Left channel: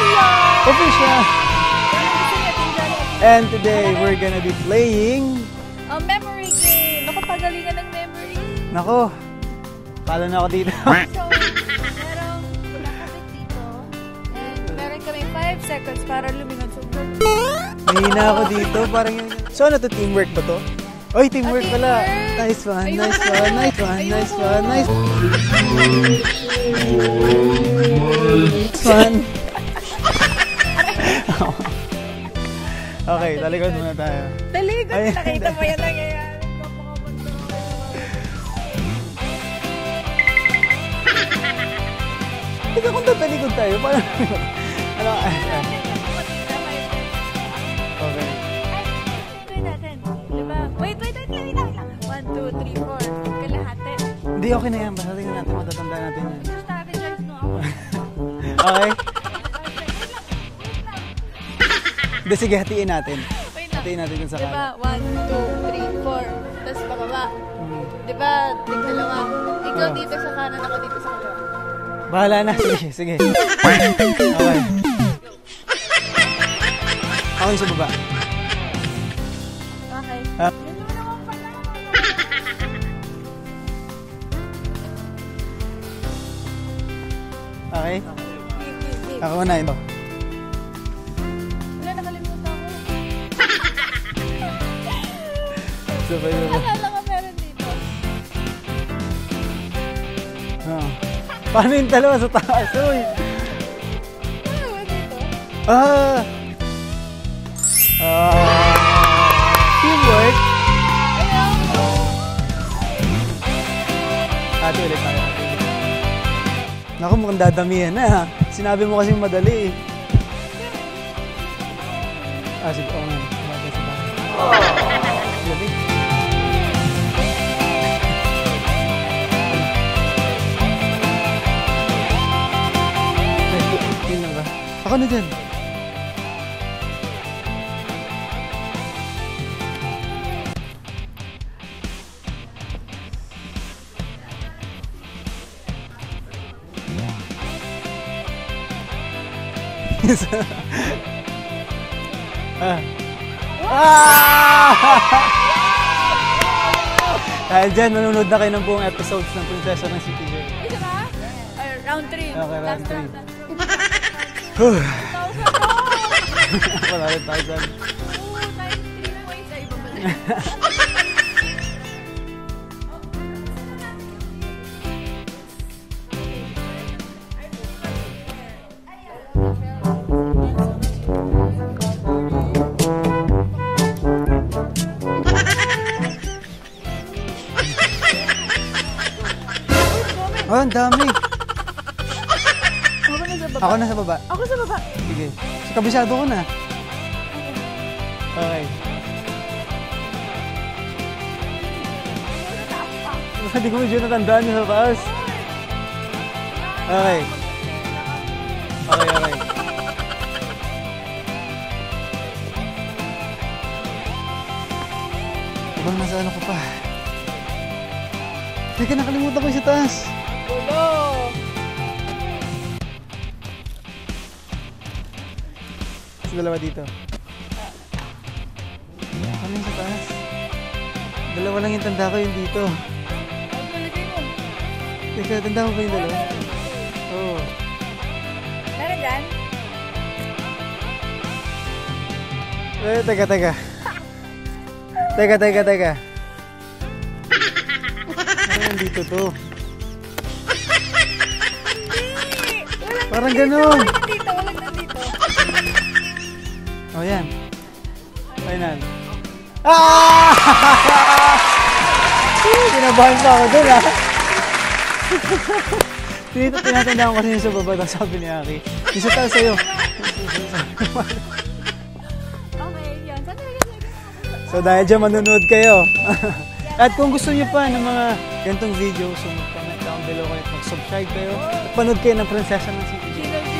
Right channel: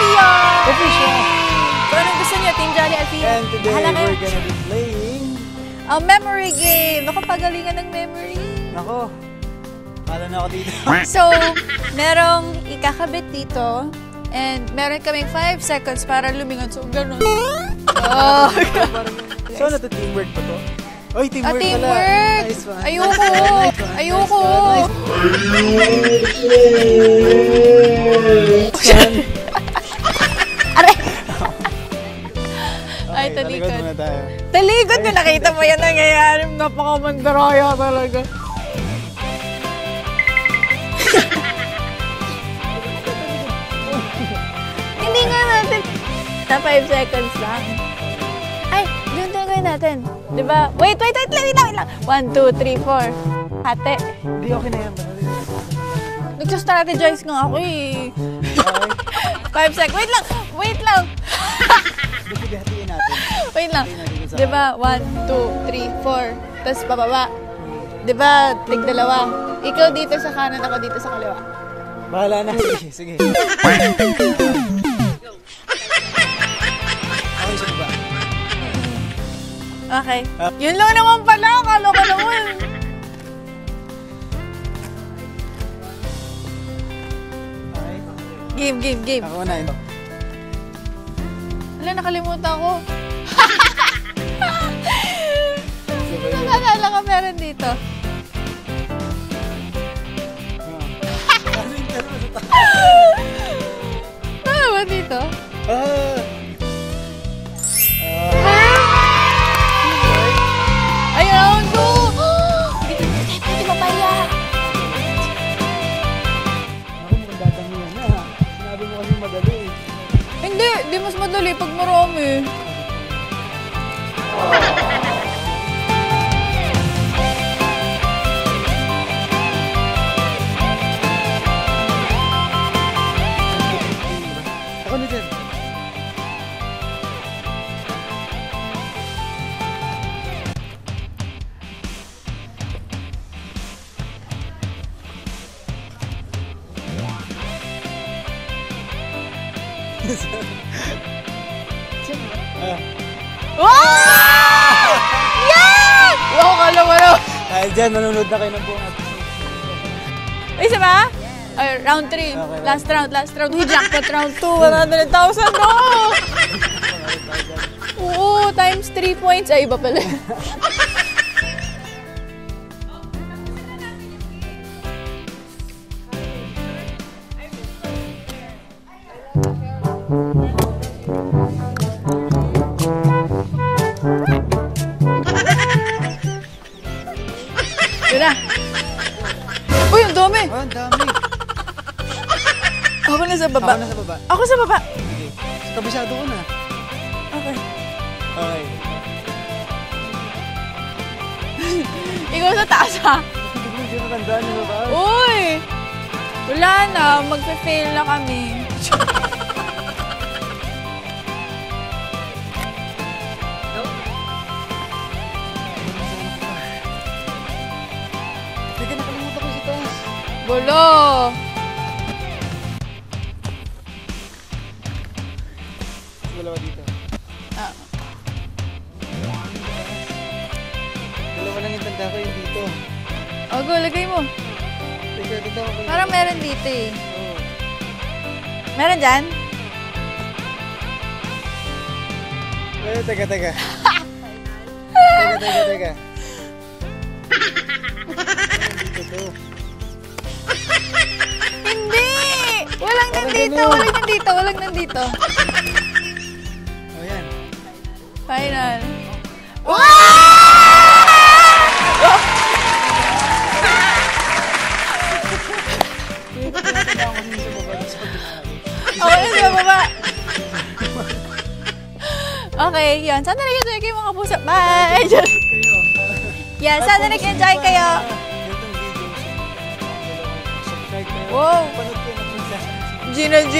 Sophia! Official! So, anong gusto niyo, Team Johnny at Team... And today, we're gonna be playing... a memory game. Naku, pagalingan ng memory. Nako, palo na ako dito. So, merong ikakabit dito. And meron kaming 5 seconds para lumingon. So, gano'n. So, ano to? Teamwork pa to? Oy, teamwork pala. Teamwork! Nice one. Ayoko! Ayoko! Aray! Okay, talikod muna tayo. Talikod na nakita mo yan nangyayari. Napakamandaraya talaga. Ito kung tatalikod tayo, parang... Hindi nga natin. Na 5 seconds lang. Ay, yun gagawin natin. Diba? Wait lang. 1, 2, 3, 4. Kalahati. Hindi, okay na yan. Banaling natin. Nagsastrategize nga ako eh. Okay. 5 seconds. Wait lang. Hindi, sige, hatiin natin. Wait lang. Hatiin natin yung sa... Diba? 1, 2, 3, 4. Tapos bababa. Diba? Tig-dalawa. Ikaw dito sa kanan, ako dito sa kaliwa. Bahala na. Sige. Okay, sa baba. Okay. Yun lang naman pala. Kalo ko naman. Okay. Game. Ako na ito. Wala, nakalimutan ko. Sabay na. Naalala ko meron dito. Paano yung dalawa sa taas? Ano ba dito? Teamwork. Ayaw, no! Hindi papaya. Naku, mukhang dadamihan na. Sinabi mo kasi madali eh. Hindi mas madali pag marami. Sige pa nga. Ako na dyan. Yeah! Wow, kala mo na. Diyan, nanonood na kayo ng buong episodes ng Prinsesa ng City. Isa ba? Ay, round 3. Last round. Uy, jackpot round 2. 100,000 no! Oo, times 3 points. Ay, iba pala. Uy, ang dami! Oh, ang dami. Ako na sa baba. Ako na sa baba. Ako sa baba. Sige. Sa kabisado ko na. Okay. Okay. Ikaw sa taas ha. Hindi ko medyo natandaan yung taas. Uy! Wala na. Okay. Magpa-fail na kami. Masano ko pa. Teka, nakalimutan ko sa taas. Gulo! Sa dalawa dito. Ano yung sa taas? Dalawa lang yung tanda ko yung dito. Ogo, lagay mo. Teka, tanda ko kayo. Parang meron dito eh. Oo. Meron dyan? Teka. Teka. Dito to. Hindi! Walang Parang nandito. ganun. Walang nandito. Oh, yan. Final. Kinabahan pa ako doon ah. Tinatandaan ko kasi yung sa baba ng sabi ni Aki. Isa pa Okay, sa'yo. sa baba. Okay, yan. Sana nag-enjoy kayo mga pusa. So dahil dyan manonood kayo. Yan, At sana kung gusto niyo nag-enjoy pa kayo. ng ganitong video, so panood lang ang dalawa ito. Subscribe na yun. Wow. Panood kayo ng Prinsesa ng City. Gina G!